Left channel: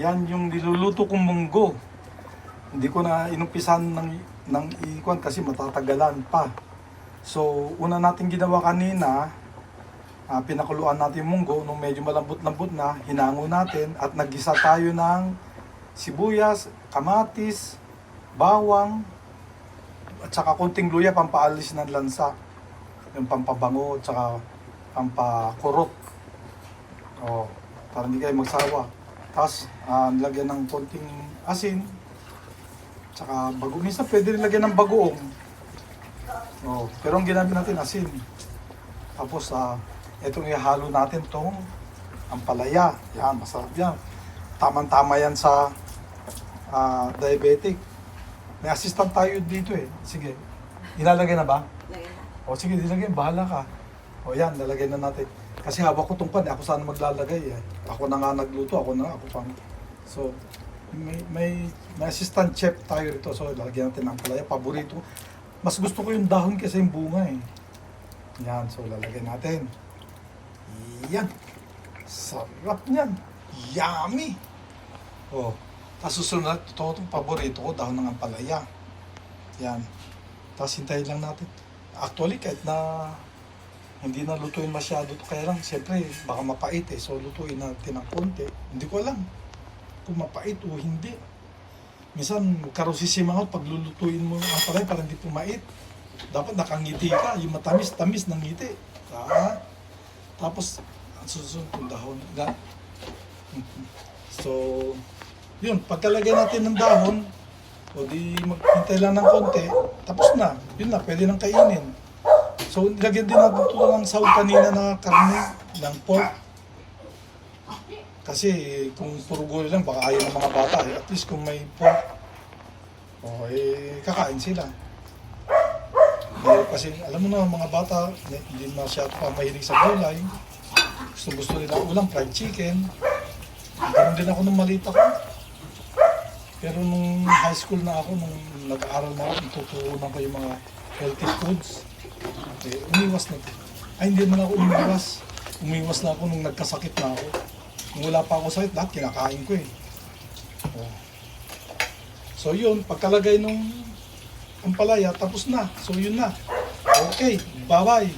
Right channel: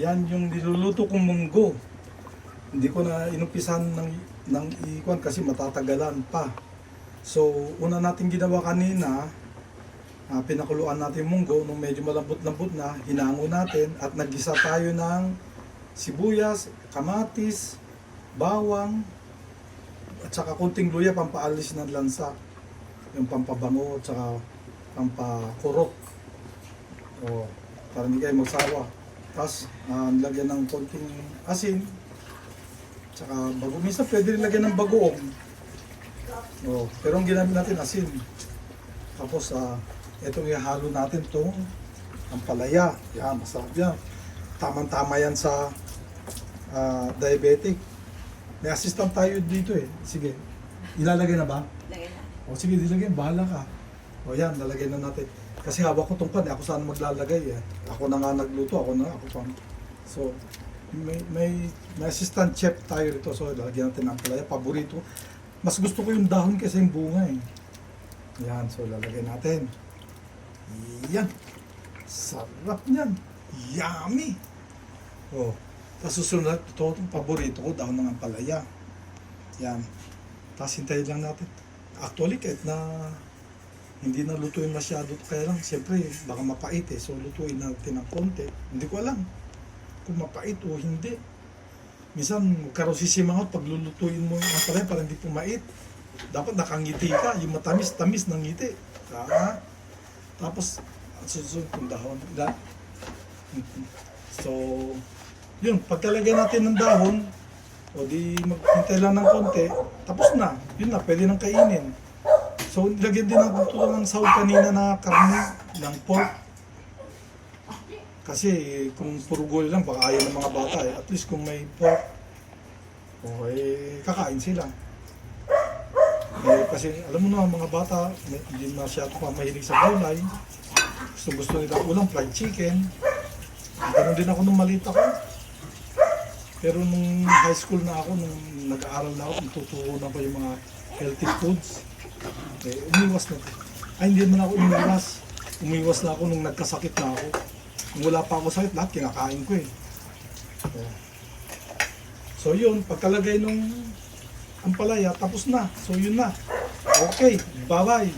Yan yung niluluto kong munggo. Hindi ko na inumpisan ng ikuan kasi matatagalan pa. So, una natin ginawa kanina, pinakuluan natin yung munggo nung medyo malambot-lambot na, hinango natin at naggisa tayo ng sibuyas, kamatis, bawang, at saka kunting luya pampaalis ng lansa. Yung pampabango at saka pampakurok. O, para hindi kayo magsawa. Tapos, nilagyan ng konting asin. Tsaka bago. Minsan pwede nilagyan ng bagoong. O, pero ang ginamit natin asin. Tapos, itong ihalo natin itong ampalaya. Yan, masarap yan. Tama-tama yan sa diabetic. May assistant tayo dito eh. Sige, inalagay na ba? O sige, nilagay, bahala ka. O yan, nalagay na natin. Kasi hawak ko itong pan, ako saan maglalagay eh. Ako na nga nagluto, ako pang. So, may assistant chef tayo rito. So, lalagyan natin ng palaya, paborito. Mas gusto ko yung dahon kasi yung bunga eh. Yan, so lalagyan natin. Yan. Sarap niyan. Yummy! O, tapos susunod, ito itong paborito ko, dahon ng ampalaya. Yan. Tapos hintayin lang natin. Actually, kahit na hindi na lutuin masyado, kaya lang, siyempre, baka mapait eh. So, lutuin natin ng konti. Hindi ko alam kung mapait o hindi. Minsan, magkaroon sisimangot pag lulutuin mo ang palaya para hindi pumait. Dapat nakangiti ka, yung matamis-tamis ng ngiti. Tapos, ang susunod kong dahon. So, yun, pagkalagay natin ng dahon, o di maghintay lang ng konti, tapos na. Yun na, pwede nang kainin. So, lagyan din natin ito ng sahog kanina na karne, ng pork. Kasi kung puro gulay lang, baka ayaw ng mga bata eh. At least kung may pork, okay, kakain sila. Kasi alam mo na, mga bata, hindi masyado pa mahilig sa gulay. Gusto nila ulam, fried chicken. Ganun din ako nung maliit ako. Pero nung high school na ako, nung nag-aaral na ako, tutuunan ko yung mga healthy foods. Okay, umiwas na ito. Ay, hindi naman ako umiwas. Umiwas na ako nung nagkasakit na ako. Nung wala pa ako sakit, lahat kinakain ko eh. So yun, pagkalagay nung ampalaya, tapos na. So yun na. Okay, bye-bye.